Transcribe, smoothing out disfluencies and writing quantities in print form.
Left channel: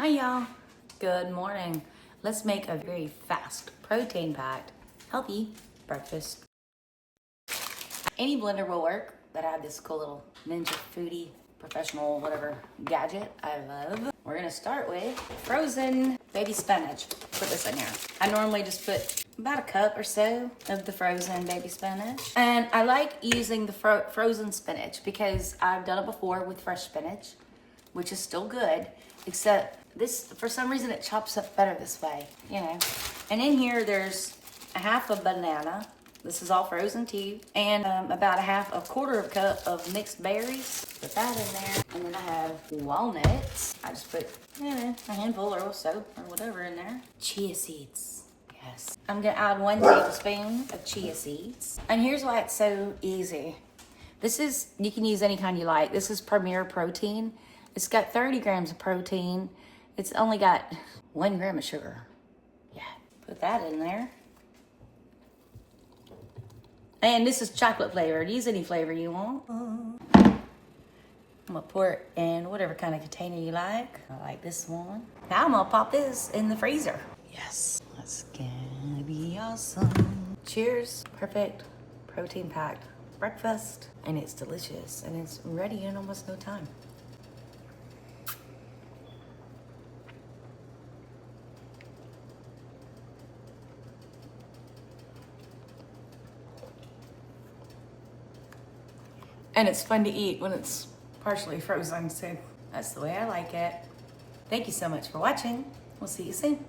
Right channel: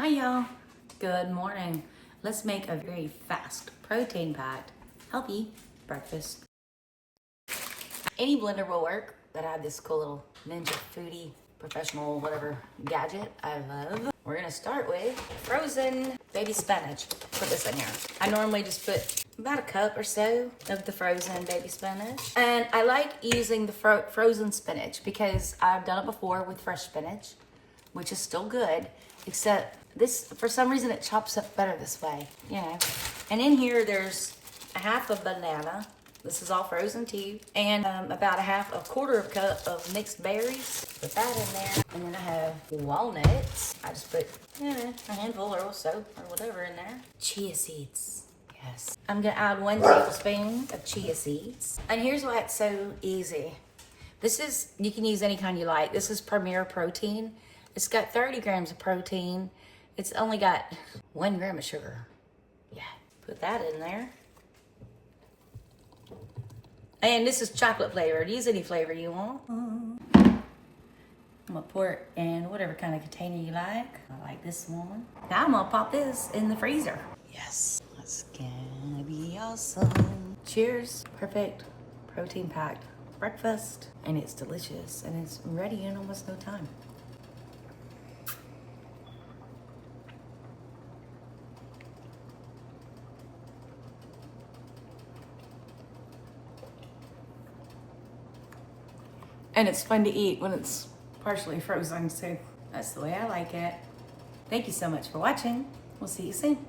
Hi y'all, good morning. Let's make a very fast, protein-packed, healthy breakfast. Any blender will work, but I have this cool little ninja foodie, professional, whatever gadget I love. We're gonna start with frozen baby spinach. Put this in here. I normally just put about a cup or so of the frozen baby spinach. And I like using the frozen spinach because I've done it before with fresh spinach, which is still good, except this, for some reason, it chops up better this way, you know. And in here, there's a half a banana. This is all frozen too. And about a quarter of a cup of mixed berries. Put that in there. And then I have walnuts. I just put, a handful or so, or whatever in there. Chia seeds. Yes. I'm gonna add 1 tablespoon of chia seeds. And here's why it's so easy. This is, you can use any kind you like. This is Premier Protein. It's got 30 grams of protein. It's only got 1 gram of sugar. Yeah, put that in there. And this is chocolate flavored. Use any flavor you want. I'm gonna pour it in whatever kind of container you like. I like this one. Now I'm gonna pop this in the freezer. Yes, that's gonna be awesome. Cheers, perfect protein packed breakfast. And it's delicious and it's ready in almost no time. And it's fun to eat when it's partially frozen, so that's the way I like it. Thank you so much for watching. We'll see you soon.